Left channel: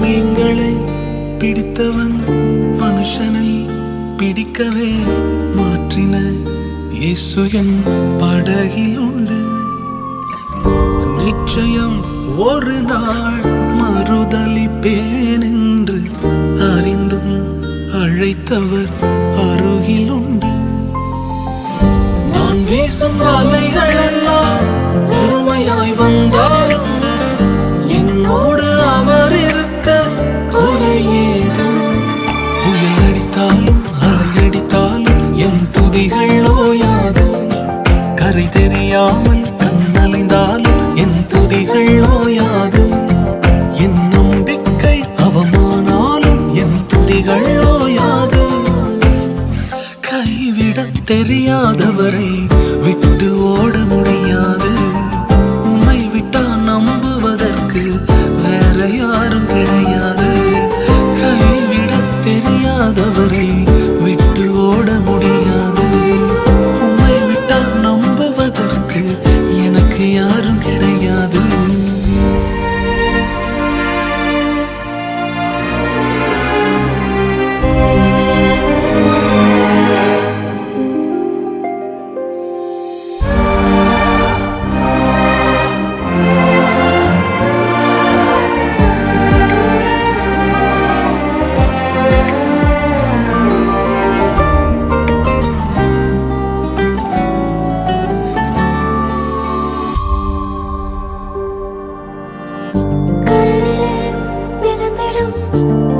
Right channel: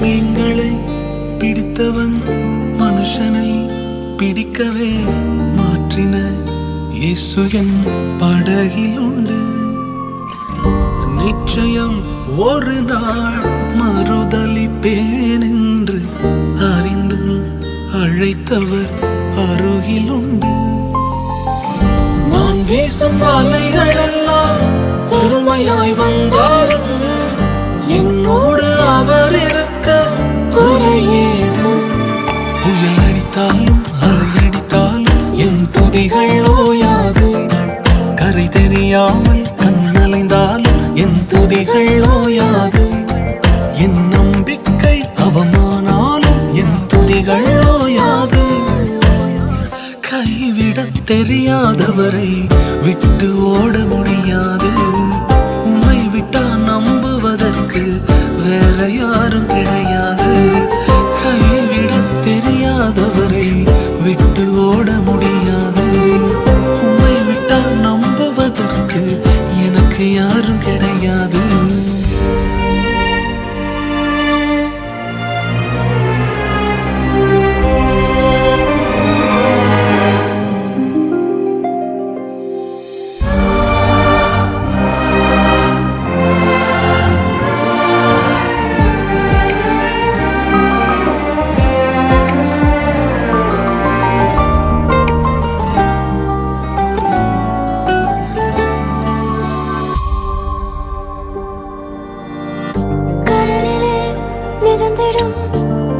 மீன்களை பிடித்தவன் மனுஷனை பிடிக்கவே மாற்றின இயேசு என் படகில் உண்டு. நிச்சயம் ஒரு நாள் மறுதலிப்பேன் என்று அறிந்தும் அழைத்தவர் அருகில் உண்டு. நான் வீசும் வலைகள் எல்லாம் பெருமையாய் வந்தாலும் என்னோடு அவர் இருக்க குறையேது. புயல் அடித்தாலும் அலை அடித்தாலும் என் துதிகள் ஓயாது. கரை தெரியாமல் கண்ணலைந்தாலும் என் துதிகள் ஓயாது. என் நம்பிக்கை அவமானாலும் என் துதிகள் ஓயாது. கைவிடத் தெரியாதவரை விட்டு ஓட முடியாது. உன்னை விட்டா நம்புவதற்கு வேற யாரும் கிடையாது. கைவிடத் தெரியாதவரை விட்டு ஓட முடியாது. உன்னை விட்டா நம்புவதற்கு எனக்கு யாரும் கிடையாது.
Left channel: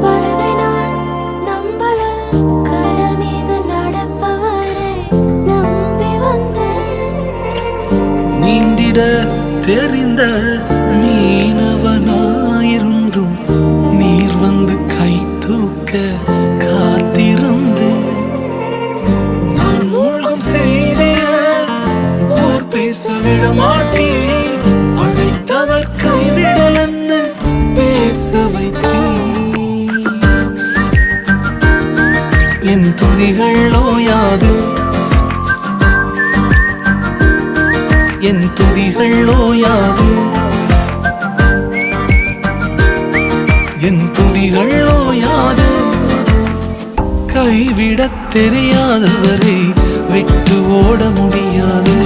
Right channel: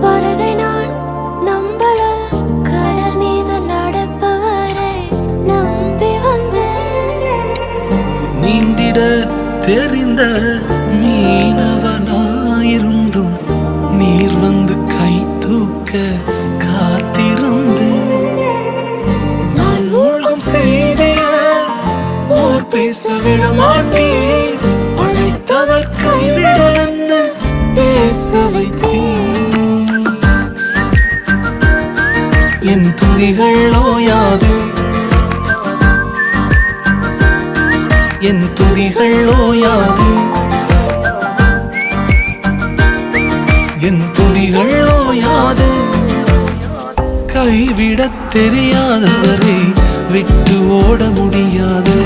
படகை நான் நம்பல, கடல் மீது நடப்பவரை நம்பி வந்தேன். நீந்திட தெரிந்த மீனவனாயிருந்தும் நீர் வந்து கை தூக்க காத்திருந்து. நான் மூழ்கும் செய்திய ஓர் பேச விட மாட்டேன். அழைத்தவர் கைவிடலன்னு பேச வைத்தேன். என் துதிகள் ஓயாது. என் துதிகள் ஓயாது. என் துதிகள் ஓயாது. கைவிடத் தெரியாதவரை விட்டு ஓட முடியாது.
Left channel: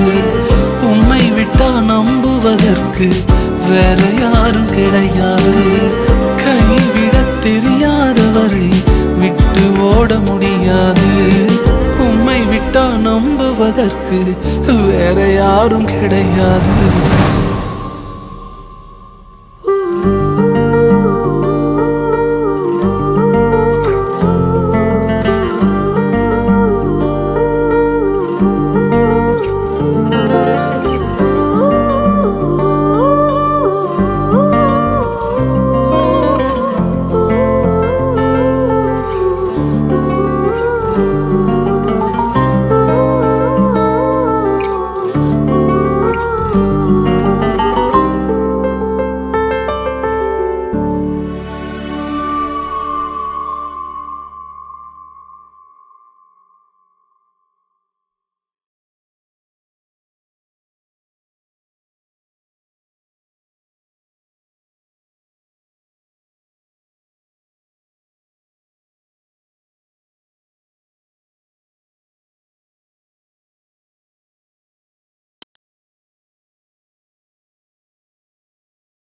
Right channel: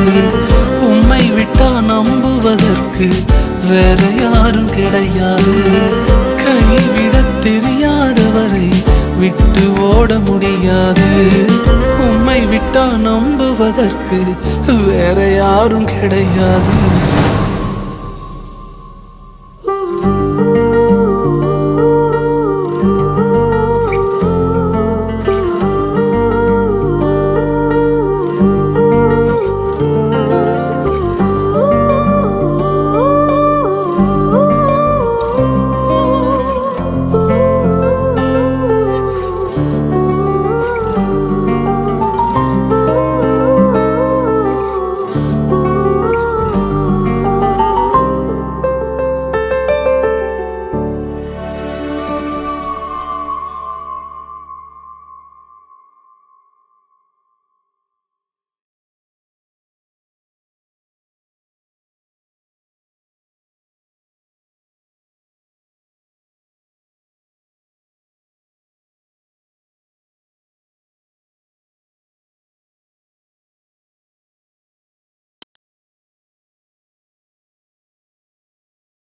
உம்மை விட்டா நம்புவதற்கு வேற யாரும் கிடையாது. கைவிடத் தெரியாதவரை விட்டு ஓட முடியாது. உம்மை விட்டா நம்புவதற்கு வேற யாரும் கிடையாது.